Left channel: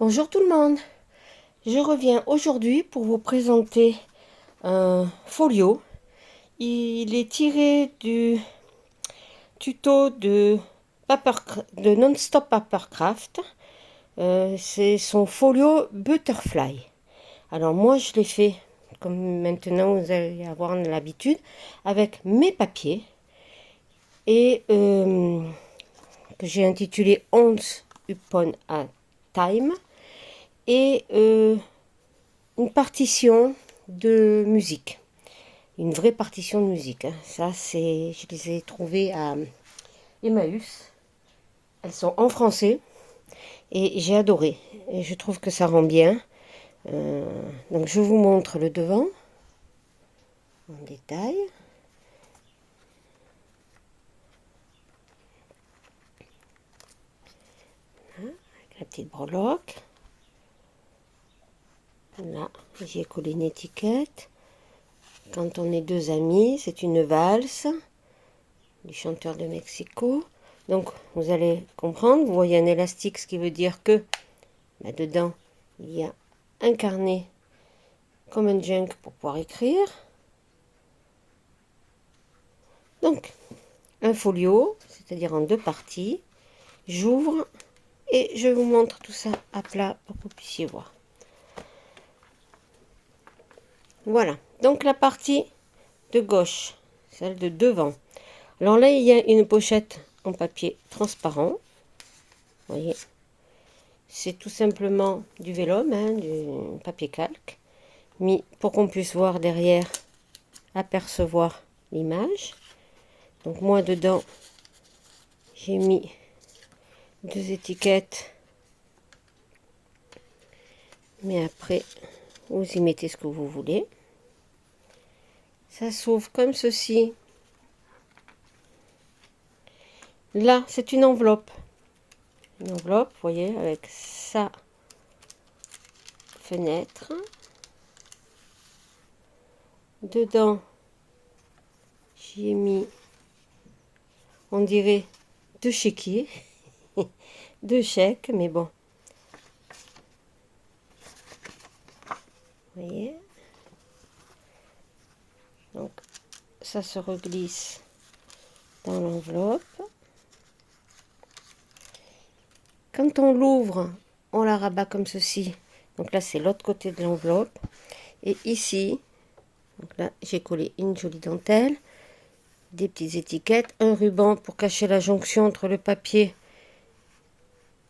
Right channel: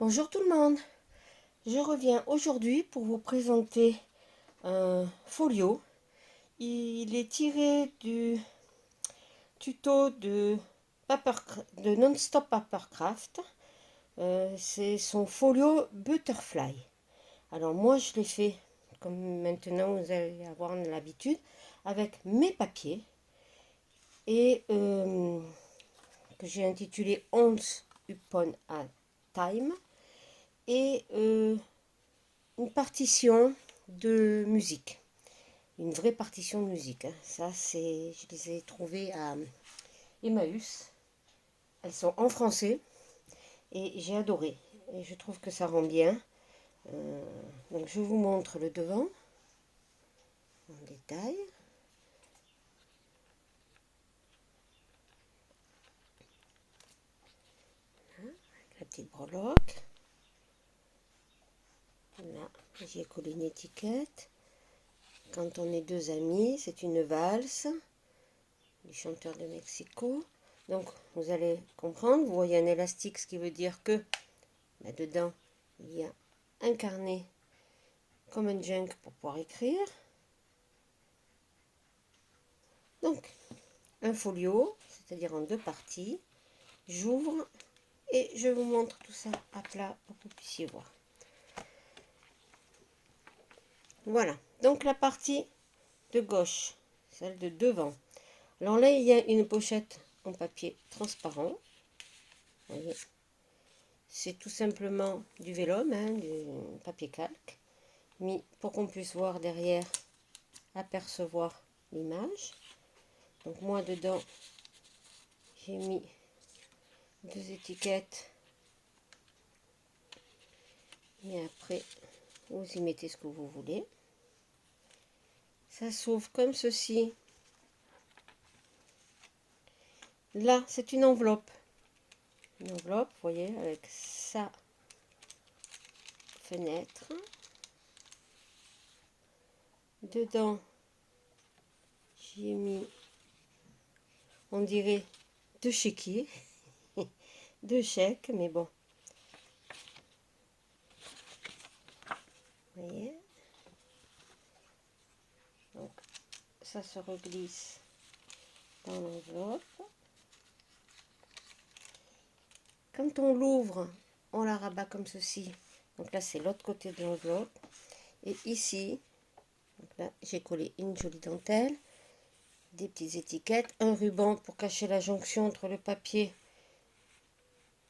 Bonjour tout le monde, je reviens aujourd'hui pour vous présenter un folio. Il est tiré du tuto de Non-Stop Papercraft. C'est son folio Butterfly. Alors moi je l'ai fait, comme maintenant vous allez avoir l'habitude, avec mes papiers et que j'ai intitulé Once Upon a Time et une partition de musique, une vraie partition de musique. Ça, je les ai trouvées à Emmaüs. Elles sont en français et j'ai adoré. Et je trouve que ça rend bien. Donc, je vous montre le devant en détail. Avec la petite breloque. Là, j'ai collé une étiquette. Quand on est deux amis, c'est une valse du chanteur de Mexico. Donc, vous allez comprendre, vous voyez un élastique, ce qui veut dire que dedans, il y a un carnet comme un junk pour pouvoir écrire. Donc, un folio, c'est-à-dire en deux parties. J'ouvre et je vous montre tout ça à plat pour que vous puissiez voir. Voilà, donc la partie de gauche, celle de devant. Alors là, il y a une pochette en papier transparent. Vous voyez, c'est tout simplement du vélum, du papier calque, mis pour qu'on puisse voir derrière, apercevoir l'image. Donc moi dedans, j'ai mis deux étiquettes, mais après, vous y mettez ce que vous voulez. Ça s'ouvre comme ceci. Là, c'est une enveloppe. Une enveloppe, vous voyez, avec sa fenêtre. Dedans, j'y ai mis, on dirait, deux chéquiers. Deux chèques, mais bon. Vous voyez. Donc, ça se reglisse dans l'enveloppe. Quand on l'ouvre, on la rabat comme ceci. Donc là, c'est l'autre côté de l'enveloppe. Et ici, donc là, j'ai collé une jolie dentelle, des petites étiquettes, un ruban pour cacher la jonction entre le papier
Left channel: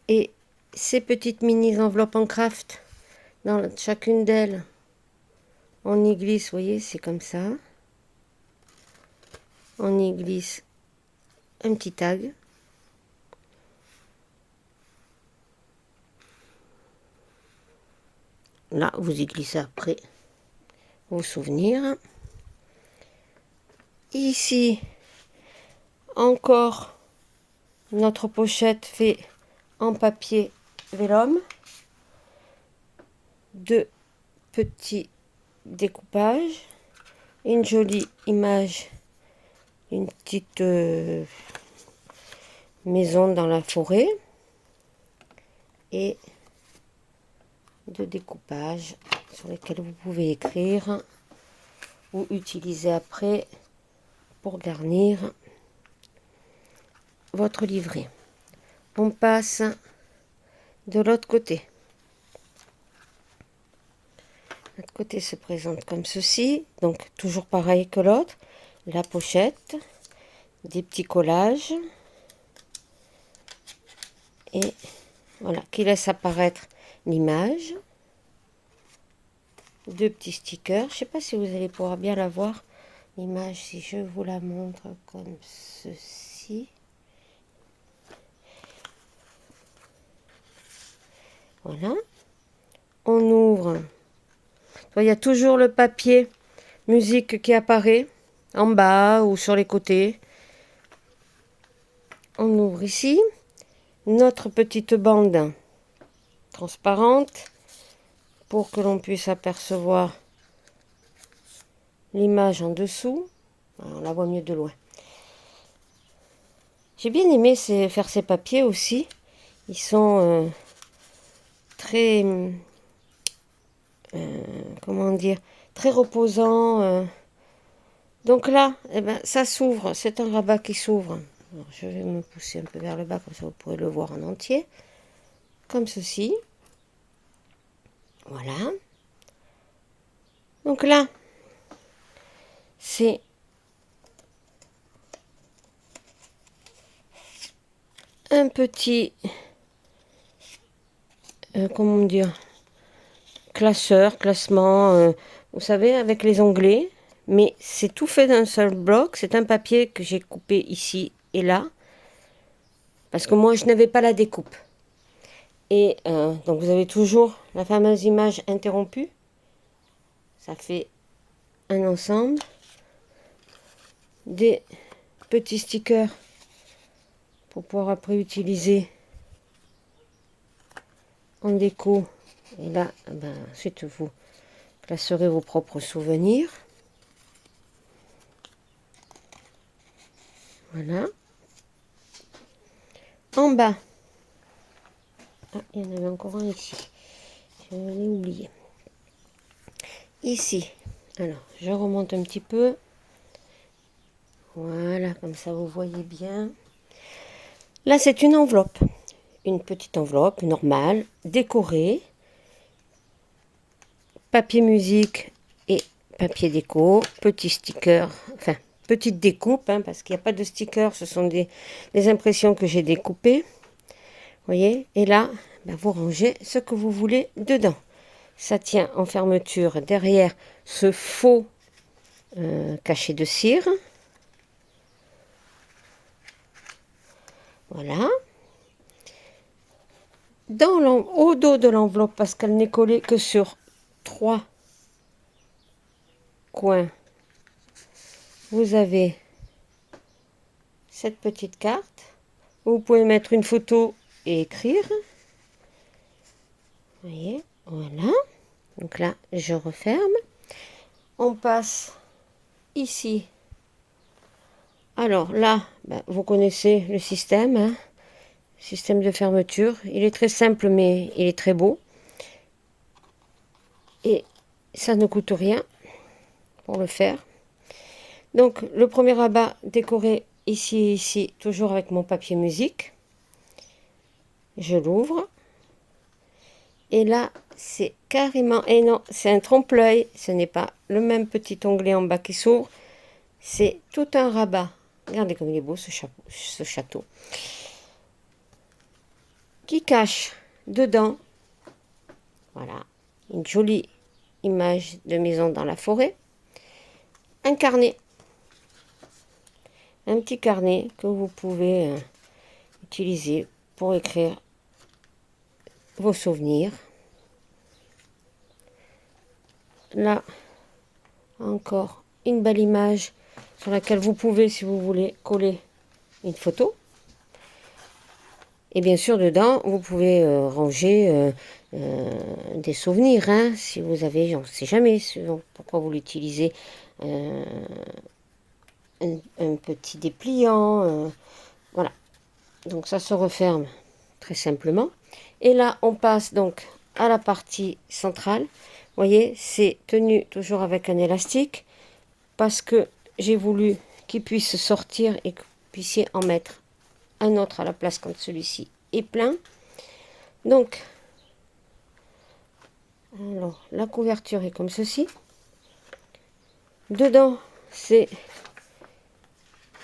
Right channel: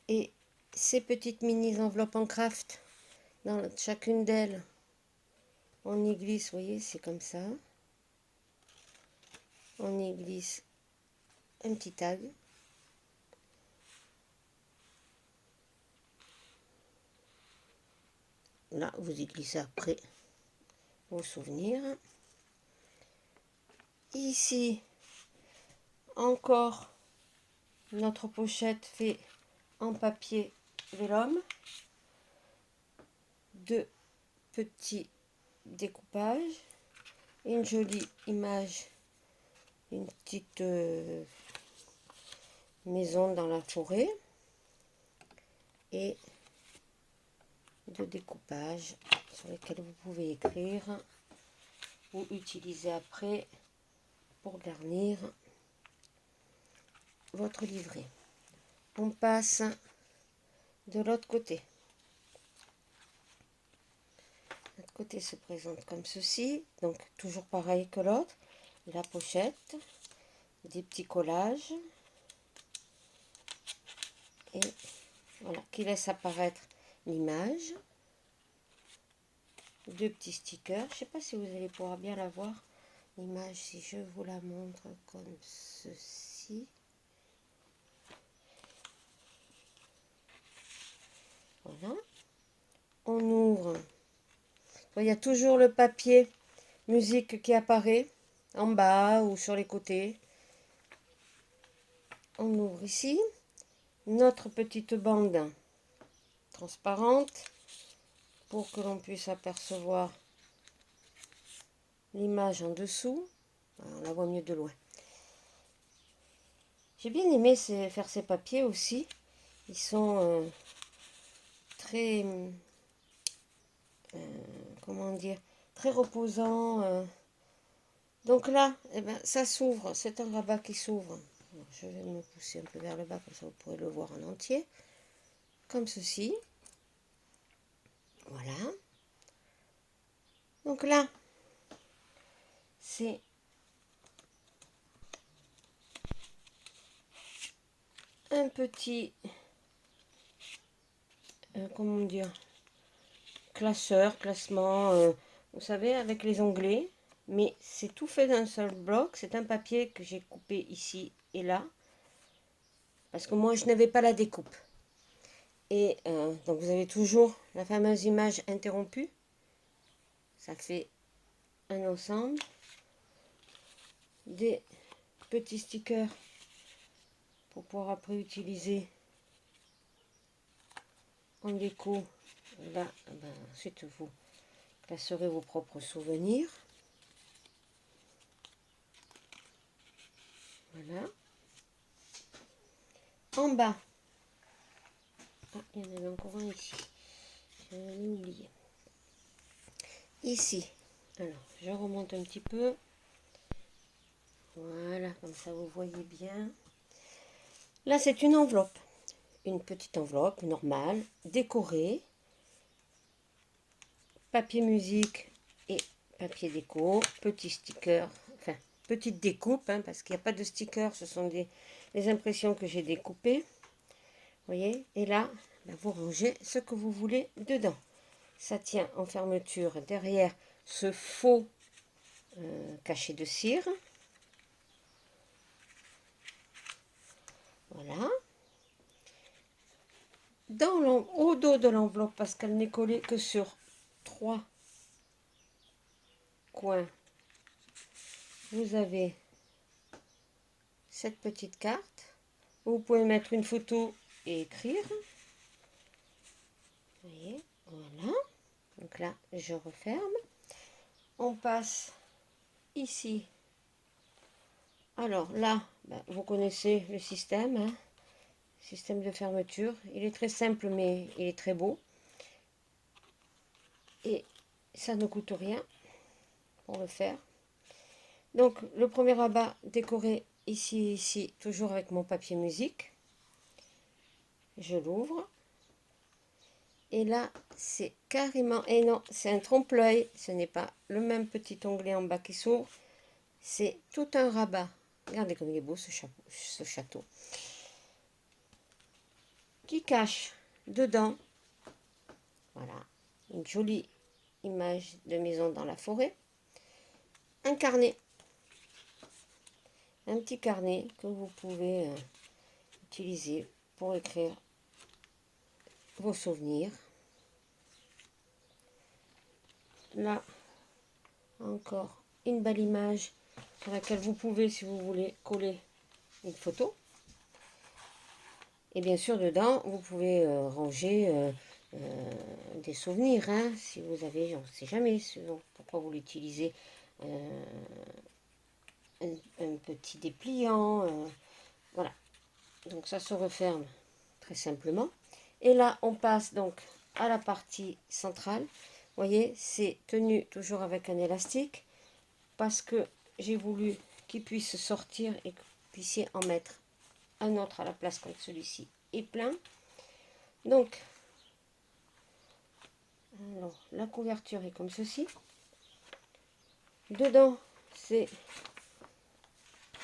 et ces petites mini enveloppes en craft. Dans chacune d'elles, on y glisse, vous voyez, c'est comme ça. On y glisse un petit tag. Là, vous y glissez après vos souvenirs. Ici, encore notre pochette fait en papier vélum. Deux petits découpages. Une jolie image, une petite maison dans la forêt. Et deux découpages sur lesquels vous pouvez écrire ou utiliser après pour garnir votre livret. On passe de l'autre côté. L'autre côté se présente comme ceci, donc toujours pareil que l'autre. La pochette, des petits collages et voilà, qui laisse apparaître l'image. Deux petits stickers. Je ne sais pas si vous allez pouvoir bien la voir, l'image, si je vous la montre comme ceci. Voilà. On ouvre. Il y a toujours le papier musique qui apparaît en bas ou sur les côtés. On ouvre ici notre petite bande transparente pour que l'on puisse apercevoir l'image en dessous. On la voit mieux de loin. J'ai bien aimé faire ces papiers aussi. Ils sont très, comment dire, très reposant. Donc là, eh ben, ça s'ouvre, c'est un rabat qui s'ouvre. Alors, je vais me pousser un peu vers le bas, comme ça vous pourrez le voir en entier. Comme ceci. Voilà. Donc là, c'est un petit, comment dire, classement, vous savez, avec les onglets. Mais c'est tout fait d'un seul bloc. C'est un papier que j'ai coupé ici et là. Parce que moi, je n'avais pas la découpe. Et donc, vous avez toujours la fameuse image interrompue. Ça fait un ensemble. Des petits stickers pour pouvoir après utiliser en déco. Et là, ben, ensuite, vous classerez vos propres souvenirs. Voilà. En bas, ah, il y en avait encore un ici. Je l'ai oublié. Ici, alors, je remonte un petit peu. Voilà, comme ça vous voyez bien. Là, c'est une enveloppe. Une petite enveloppe normale, décorée. Papier musique et papier déco. Petit sticker, enfin, petite découpe, hein, parce qu'il n'y a pas de sticker. Ce sont des impressions que j'ai découpées. Vous voyez? Et là, ben, vous rangez ce que vous voulez dedans. Ça tient en fermeture derrière ce faux cachet de cire. Voilà. Au dos de l'enveloppe, parce qu'elle n'est collée que sur 3 coins, vous avez cette petite carte. Vous pouvez mettre une photo et écrire. Vous voyez, voilà. Donc là, je referme. On passe ici. Alors là, ben, vous connaissez le système, hein. Système de fermeture. Il est très simple, mais il est très beau. Et ça ne coûte rien pour le faire. Donc, le premier rabat décoré ici, toujours avec mon papier musique. Je l'ouvre. Et là, c'est carrément... Et non, c'est un trompe-l'œil. Ce n'est pas le même petit onglet en bas qui s'ouvre. C'est tout un rabat. Regardez comme il est beau ce château. Qui cache dedans, voilà, une jolie image de maison dans la forêt. Un carnet. Un petit carnet que vous pouvez utiliser pour écrire vos souvenirs. Là, encore une belle image sur laquelle vous pouvez, si vous voulez, coller une photo. Et bien sûr, dedans, vous pouvez ranger des souvenirs, hein, si vous avez, on ne sait jamais pourquoi vous l'utilisez, un petit dépliant, voilà. Donc ça se referme très simplement. Et là, on passe donc à la partie centrale. Vous voyez, c'est tenu toujours avec un élastique parce que j'ai voulu qu'il puisse sortir et que vous puissiez en mettre un autre à la place quand celui-ci est plein. Donc, alors, la couverture est comme ceci. Dedans, c'est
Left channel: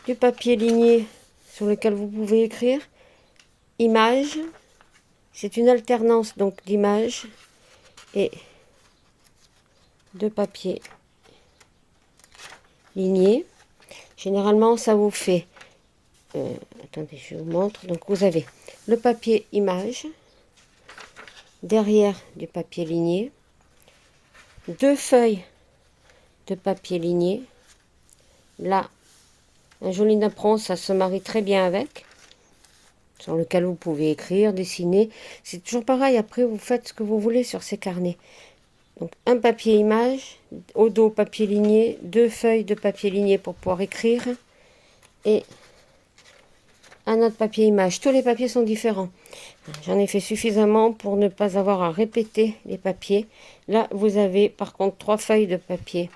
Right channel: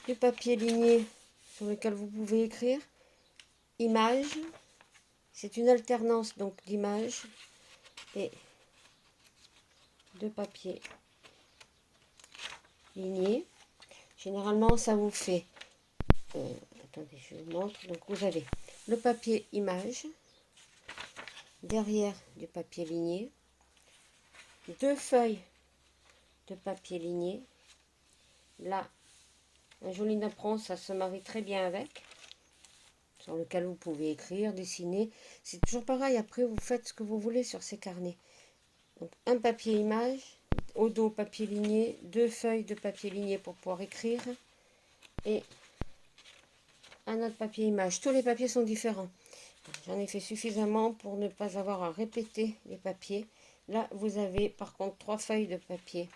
du papier ligné sur lequel vous pouvez écrire. Images. C'est une alternance donc d'images et de papier ligné. Généralement, ça vous fait... attendez, je vous montre. Donc, vous avez le papier image, derrière du papier ligné, 2 feuilles de papier ligné. Là, un joli napperon, ça se marie très bien avec, sur lequel vous pouvez écrire, dessiner. C'est toujours pareil, après vous faites ce que vous voulez sur ces carnets. Donc un papier image, au dos papier ligné, 2 feuilles de papier ligné pour pouvoir écrire, et un autre papier image. Tous les papiers sont différents. J'en ai fait suffisamment pour ne pas avoir à répéter les papiers. Là, vous avez par contre 3 feuilles de papier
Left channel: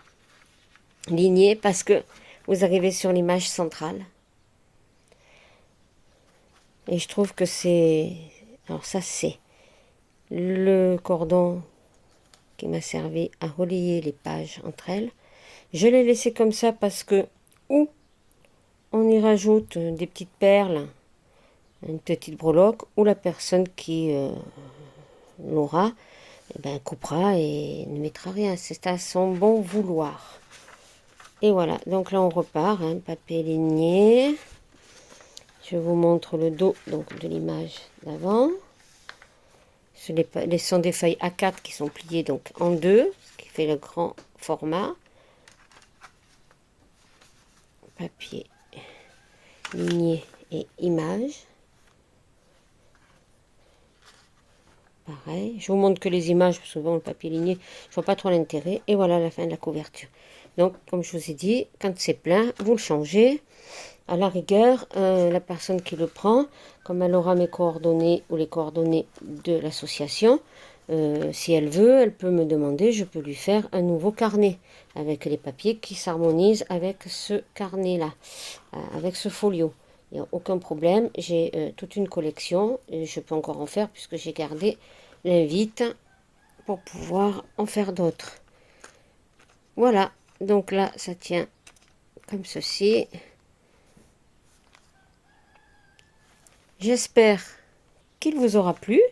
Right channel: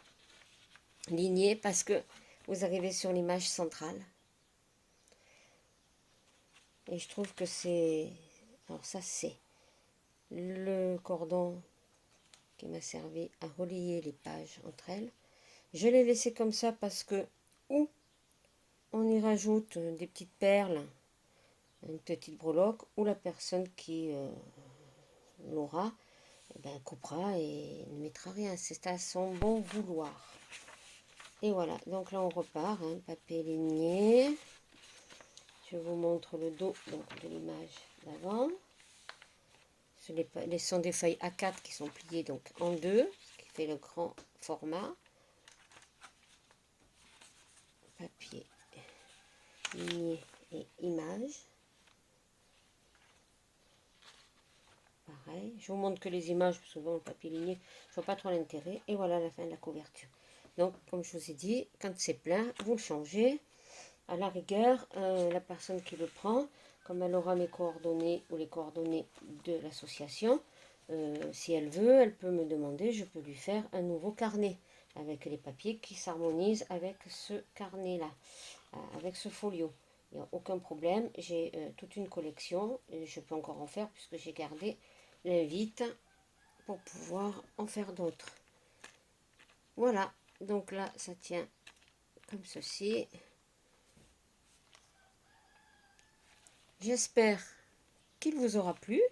lignées parce que vous arrivez sur l'image centrale. Et je trouve que c'est... Alors ça, c'est le cordon qui m'a servi à relier les pages entre elles. Je l'ai laissé comme ça parce que ou on y rajoute des petites perles, une petite breloque, ou la personne qui l'aura, eh ben, coupera et ne mettra rien. C'est à son bon vouloir. Et voilà, donc là on repart, hein, papier ligné. Je vous montre le dos donc, de l'image d'avant. Ce sont des feuilles A4 qui sont pliées donc en deux, ce qui fait le grand format. Papier ligné et image. Pareil. Je vous montre que les images, souvent le papier ligné, je vois pas trop l'intérêt. Et voilà la fin de la couverture. Donc, comme je vous ai dit, quand c'est plein, vous le changez. À la rigueur, la personne qui le prend, comme elle aura mes coordonnées ou les coordonnées de l'association, si elle veut, elle peut me demander, je peux lui faire un nouveau carnet avec les papiers qui s'harmonisent avec ce carnet-là, avec ce folio. Il n'y a aucun problème, j'ai toute une collection et je peux encore en faire puisque j'ai gardé l'invite pour pouvoir en faire d'autres. Voilà, donc là ça tient comme ceci. J'espère qu'il vous aura plu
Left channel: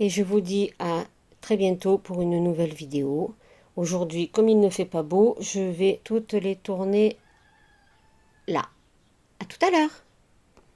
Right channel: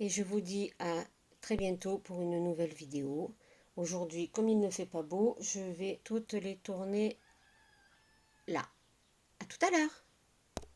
et je vous dis à très bientôt pour une nouvelle vidéo. Aujourd'hui, comme il ne fait pas beau, je vais toutes les tourner là. À tout à l'heure.